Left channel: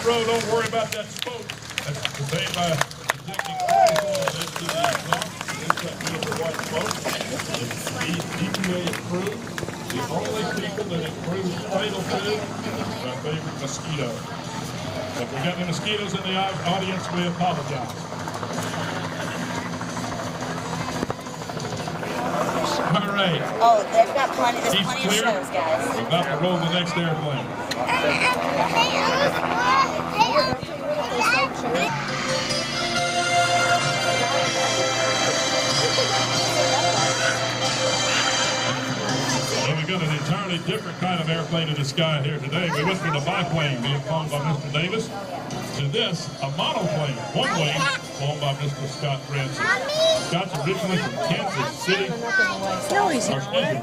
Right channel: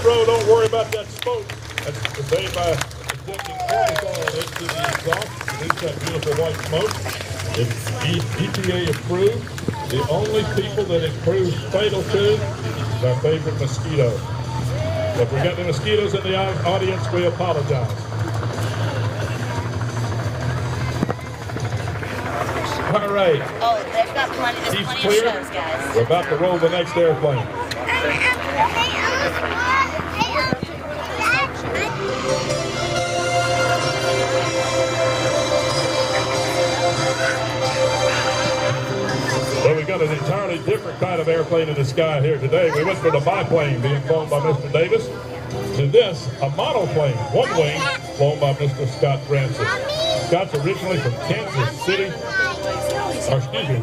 front row, don't worry about that smoke. That's made by into the exhaust. It's that beautiful white smoke. It's EPA approved. The only people that it proves fatal to is our favorite mosquito. So if we got any mosquitoes in the audience, we apologize. All right. Oh, they've got plenty of shows, guys. We're about to roll the next airplane. Well, we got an entirely different kind of airplane in the sky here today. We went from the biplane being flown by Mr. Davis to this, a monoplane, one wing, flown by Mr. Scott Francis. Scott's originally from Kansas City,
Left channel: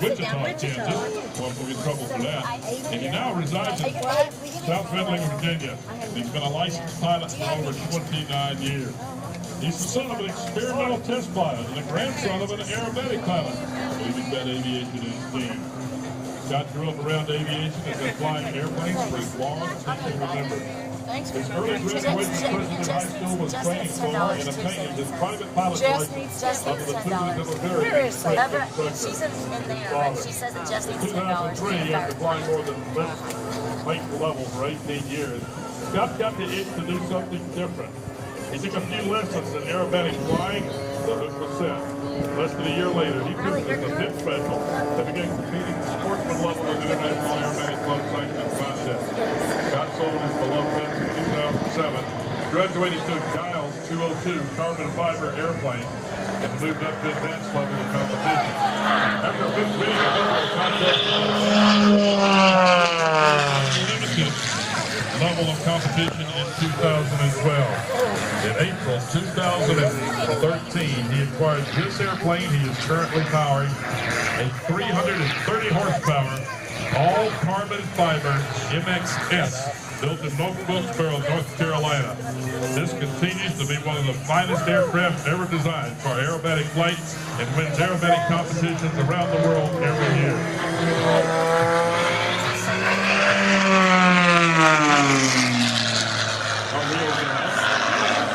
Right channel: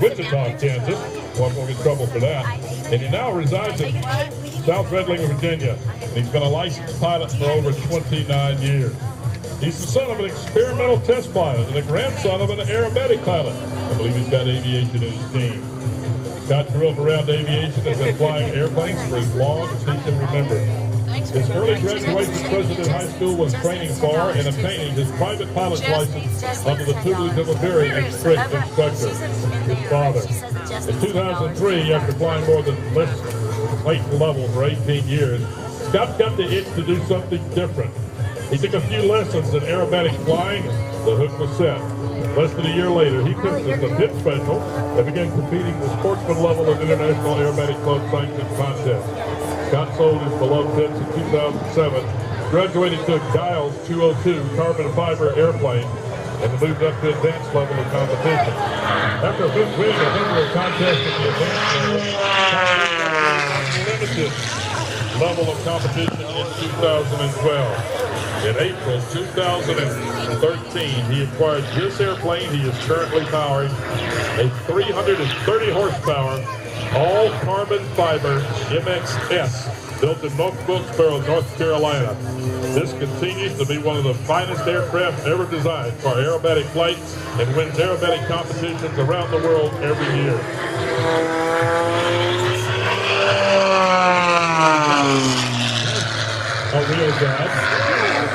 Wichita, Kansas. Won't get in trouble for that. And he now resides in South Redling, Virginia. He's been a licensed pilot for over 29 years. He's the son of an experimental test pilot and the grandson of an aerobatic pilot. I believe he's got aviation in his team. Scott grew up around aviation and has been flying airplanes for as long as he can remember. His early graduation from President High School was training for and obtaining his private pilot's license under the tutelage of a very experienced instructor, his father. In 2003, after flying more than late levels for 18 years, Scott got the itch to do something different. He took a few lessons in aerobatic flying, and the hook was set. Less than a year later, he pitched as a pit special and began competing at the sportsman level at international aerobatic club sanctioned contests. Scott sold his beloved pitch in 2007, graduated to Ingalls 202 carbon fiber airplane, and moved up to advanced level of competition. After winning a number of contests at the limited level of competition in 2012. In April 2013, he acquired this airplane he is currently powering, a 330 horsepower, all carbon fiber MXS, built in North Wilkesboro, North Carolina. This continues to be one of the finest aircraft ever designed for aerobatic flight and wins aerobatic competitions around the world every year.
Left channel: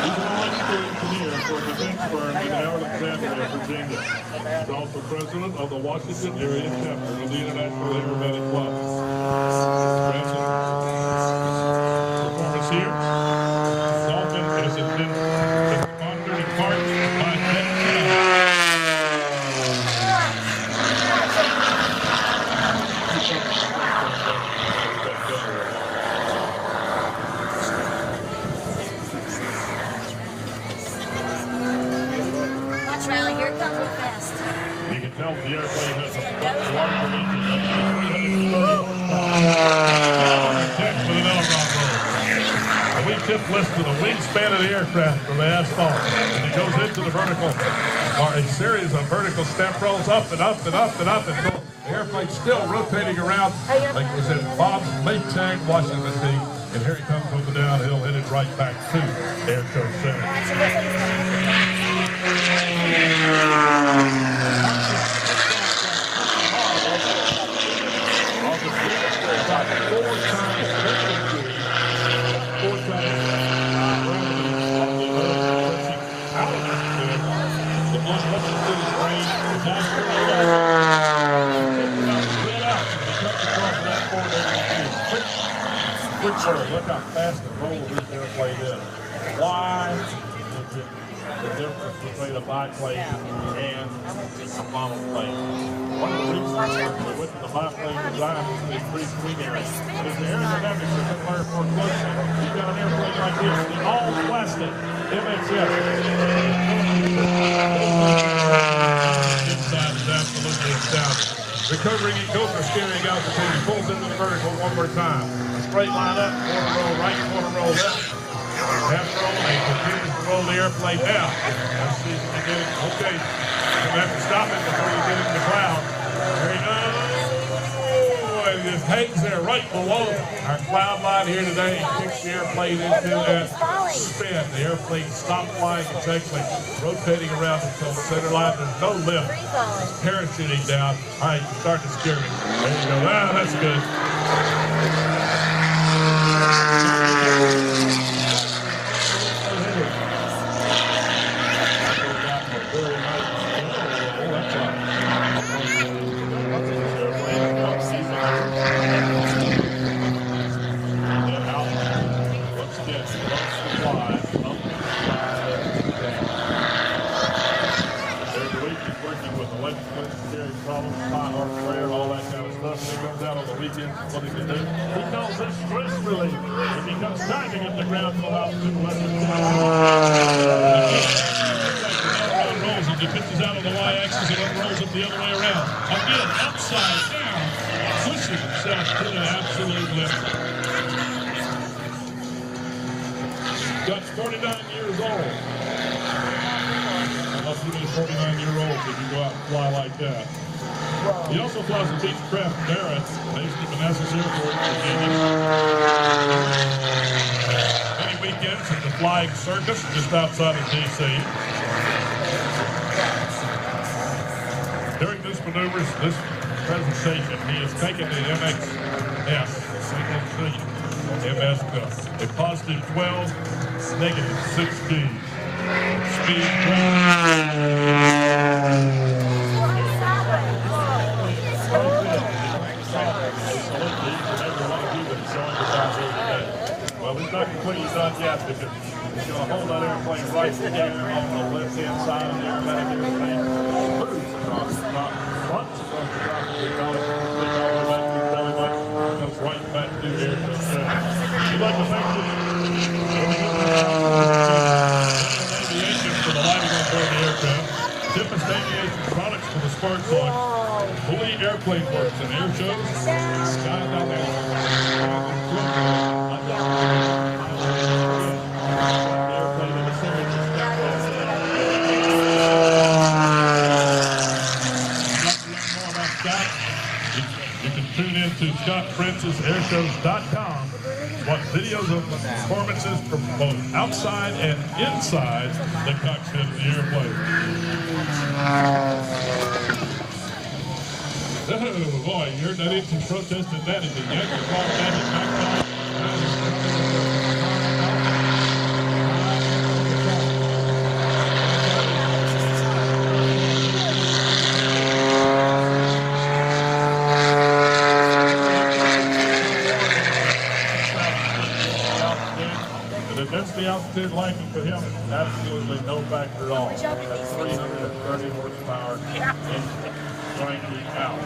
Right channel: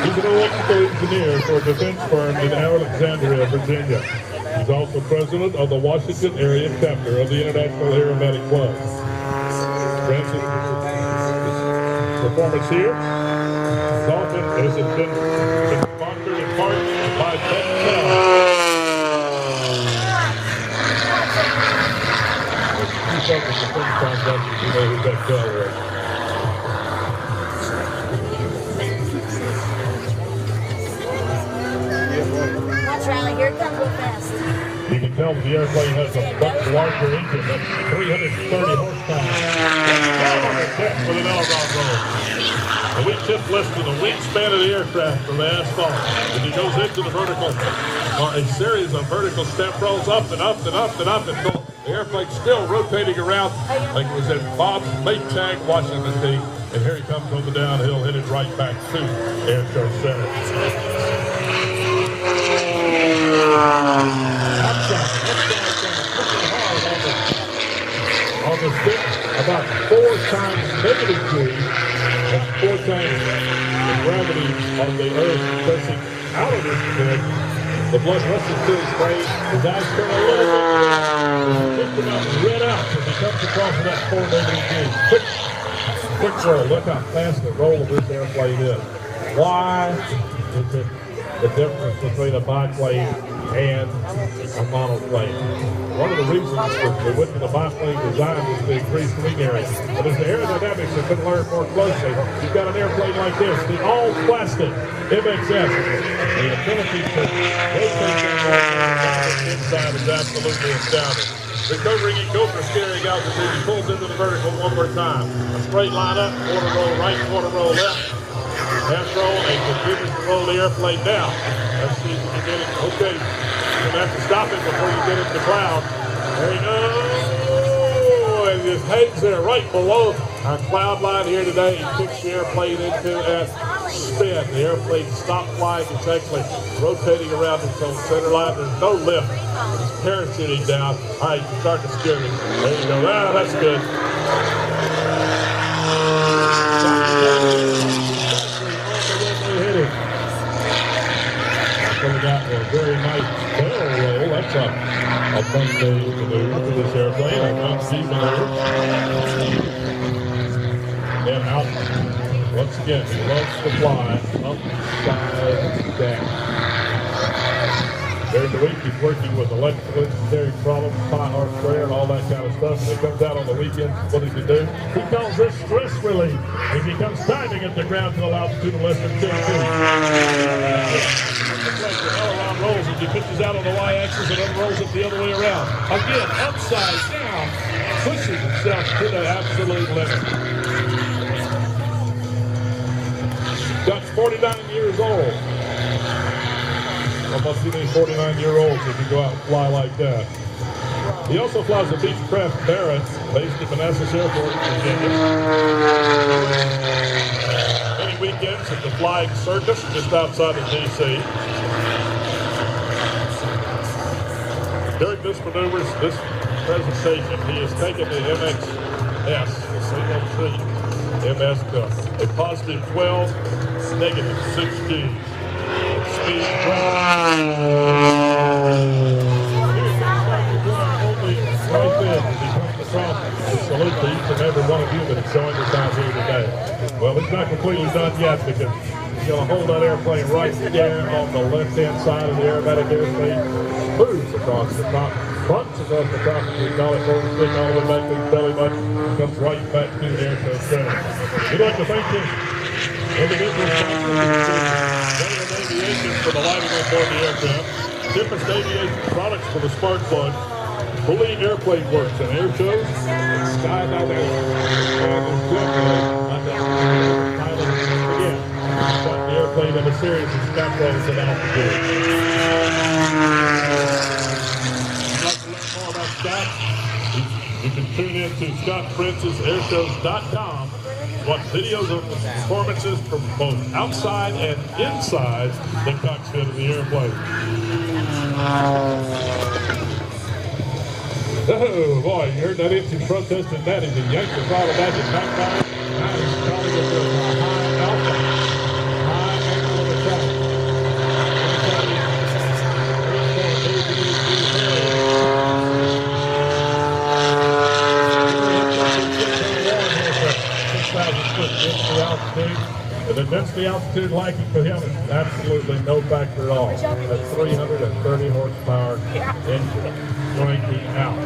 He's an electrical engineer for a defense firm in Alexandria, Virginia. He's also president of the Washington area chapter of the International Aerobatic Club. Francis' performance here is often as it been sponsored in part by Ted Channel. Here comes the fast. You can tell the airplane has a much larger engine, that's 330 horsepower. Down on the tip for the Melogon roll. And we tip less than the wingspan of the aircraft from the asphalt. And it goes into the vertical, or a series of vertical step rolls up and up and up and up until the airplane's still rotating around like it was in Bob's Maytag washing machine. And here he comes over the downhill, headed right back to Air Show Center. On the stick, about 4 times negative G, and 4 times the gravity of the Earth pressing out of his head. The blood rushes to his brain, his eyes come out, red out as he comes across that 4 negative G. Quick roll, look how fast the roll of this airplane is. Why is it the difference between a biplane and a monoplane? One of the reasons that we went to the biplane design was to increase wing area. But as the aerodynamics have been learned more closely, you've got an airplane like this, the all-plastic MXS. The ability to inside is absolutely astounding. Recovering at Gopher steering altitude, he pulls into the vertical one more time. A straight line up, quarter roll right, quarter roll left. Half roll, and continues to roll the airplane down. Let's see if we can get it. Okay, we're going to have to stop it before we get into the cloud. There you go. And it just hangs there right below our cloud line here today. He kicks the airplane into a spin. The airplane stopped flying. It's actually rotating around its own center line. There's no lift. It's parachuting down. All right, you start to steer it. There you go. Ah, that's good. what's up. I'll point to look at this airplane and not see then out. Once again, he loves to fly. Up, side, down. During the week, he's working with electrical engineering problems, 5 horsepower, and all that kind of stuff. And he comes out on the weekends. What does he do? He calls this stress relief. It becomes time to get the ground to altitude less than 2 feet. Rolls as he pitches out on the y-axis and then rolls it the other way around. Again, upside down, pushes himself to the absolute limit. Duck's 49 years old. How much do these 49-year-olds if you go out and fly like that? He also flies the Beechcraft Barrett, based at Manassas Airport, Virginia. Many weekends at the Flying Circus, just outside of D.C. During this maneuvers, this presentation, he has taken the MXS, the single-trick MS Cup, a positive 12, negative 16. Speed well, it's not completely done yet because he's going to hold that airplane right there on the left-hand side of the aerobatic airspeed, moves across the top, bumps across the top of the collarbone, stick all the way back to his belly button, comes right back to the aircraft center. We'd like to thank him. For the lighting on board the aircraft, Tempest Aviation products for the spark plug, Bully Airplane Works and air shows, Sky Valley, the airplane in the series is now running to altitude. If you'd like to learn more about Scott, you can tune in to ScottPrincessAirshows.com. Watch videos of the performances from both outside and inside the cockpit of the airplane. Oh boy, you heard that engine protesting that as the Yankees brought it back at 9. That's the altitude liking for him is absolutely no factor at all. That's 330 horsepower engine cranking out.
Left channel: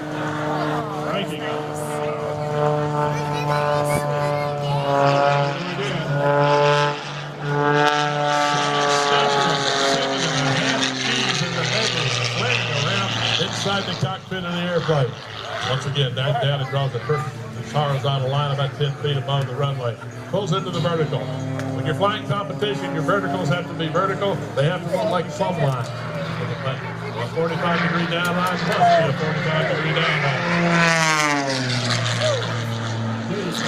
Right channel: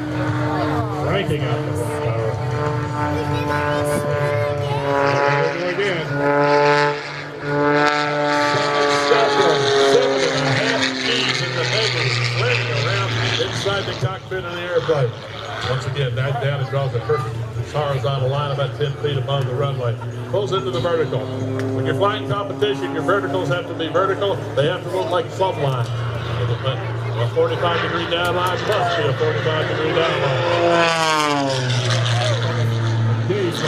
Cranking out the horsepower. Again. 7.5 in the negative, landing around inside the cockpit of the airplane. Once again, that down and draws the perfect horizontal line about 10 feet above the runway. Pulls into the vertical. When you're flying competition, your verticals have to be vertical. They have to look like plumb line. A 45-degree down line plus a 45-degree down line. It's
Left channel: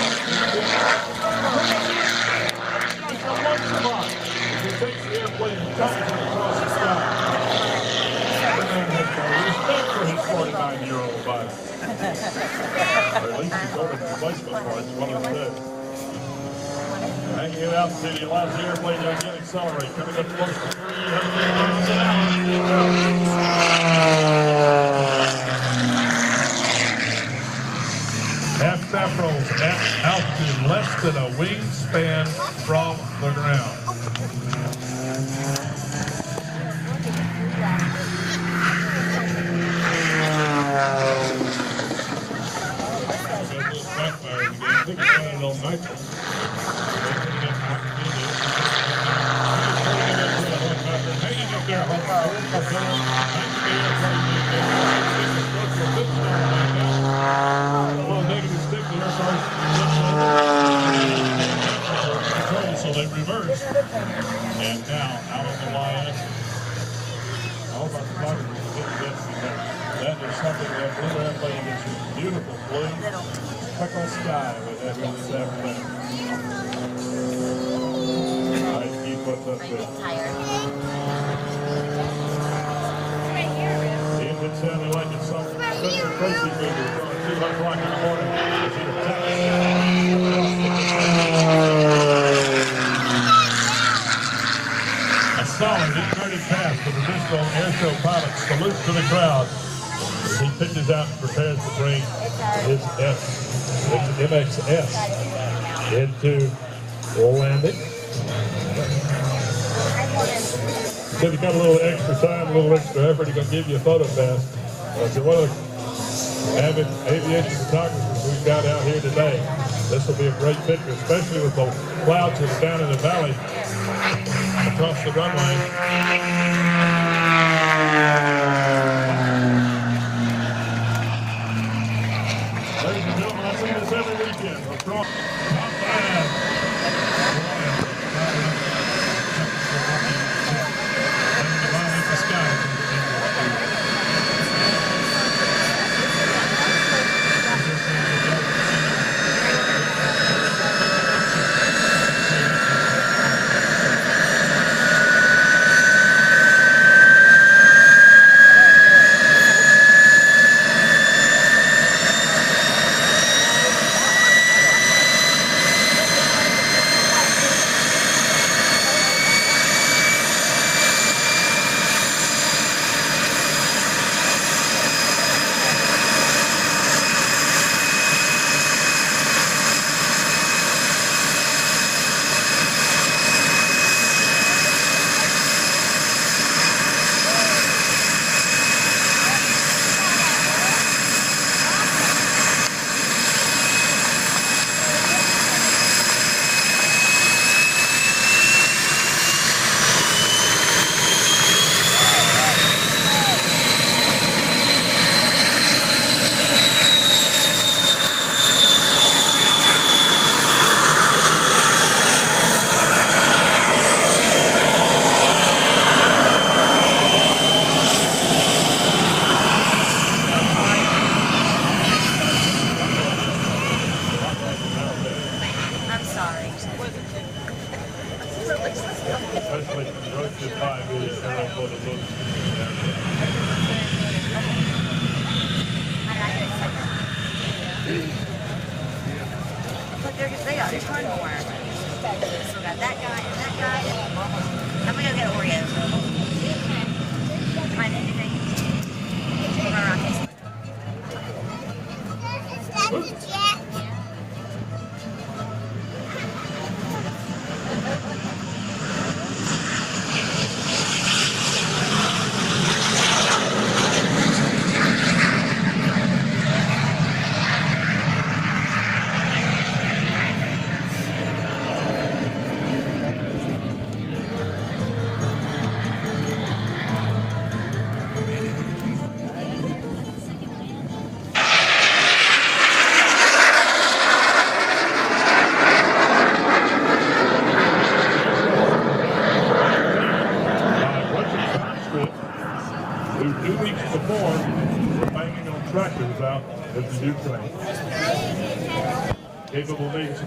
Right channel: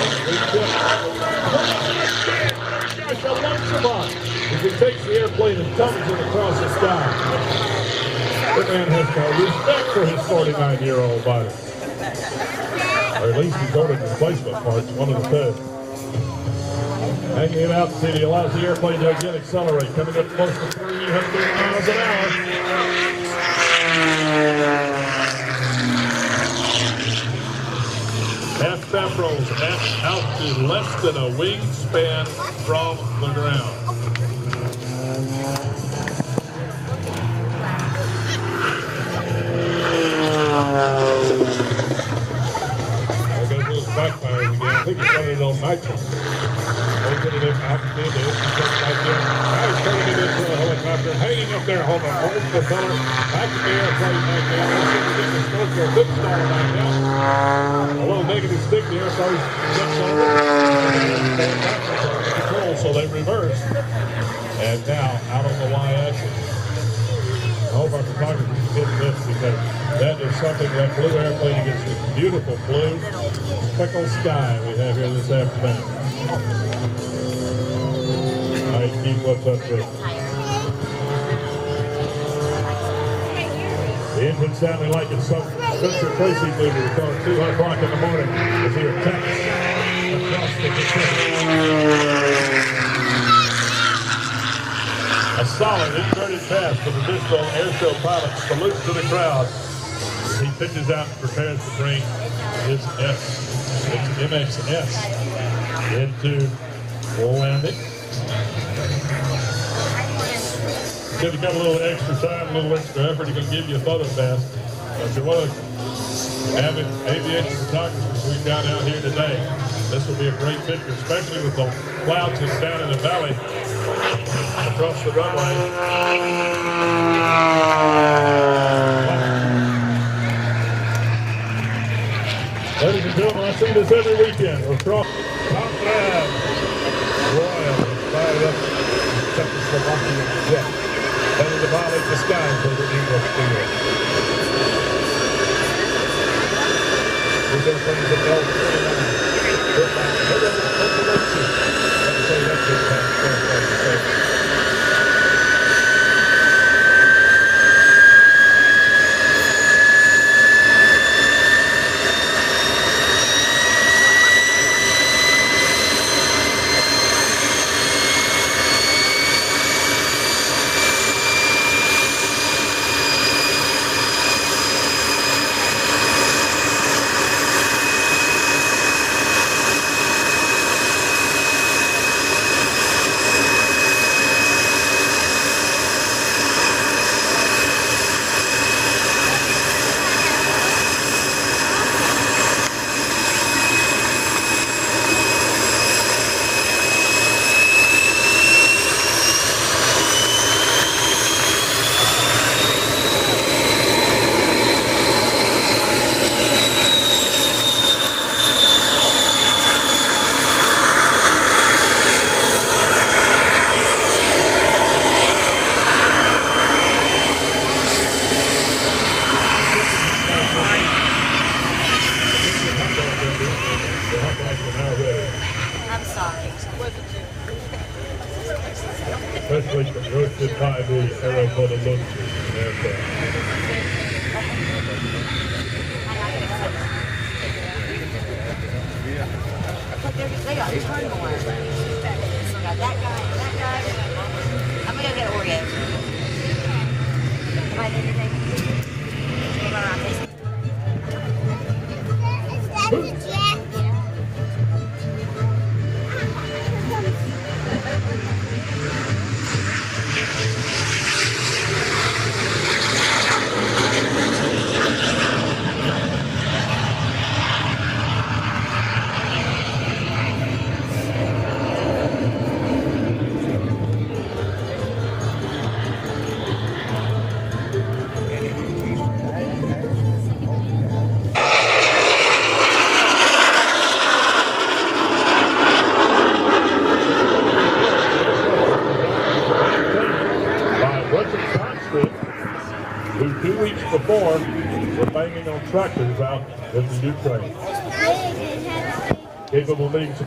a one spot. If it takes the airplane and dumps it across the sky, the man has got respect for his 49-year-old body. Or at least he's ordered replacement parts, one of the two. Hanging in altitude, he allows the airplane to again accelerate, coming up close to 300 miles an hour. Half-step rolls at altitude less than a wingspan from the ground. Nitrous. Hanging up there, hold on. A little negative stick, the airplane's so they reverse. And now, out on the y-axis. I hope our photography did this because that is something that blue airplane gets this beautiful blue speckled sky we have here this afternoon. I keep what's up here. The engine sounded like it's some Spencer Tracy movie from 2 o'clock in the morning as he attacks across the solid inverted pass for the additional air show pilot salutes to the crowd as he pitches out and prepares to bring his MXS into landing. If you got a little extra time, a little extra effort, he's going to give you a photo pass. If you're one of the avid aviation photographers we've got out here today, this will be a great picture, especially with the clouds that's down in the valley across the runway. Ladies and gentlemen, I see this every weekend. Across top five. Fired up. Czechoslovakian jet. Ready to violate the sky until the end of the year. This is from the Belgian. I'm sorry. Especially the North to 5 years, Sarah for the look. But they got a ton more. So got that guy and that guy. I'm gonna go get Oreos. Am I thinking? Give her around this. Who 2 weeks before were banging on tractors out in the Ukraine. Capable leagues.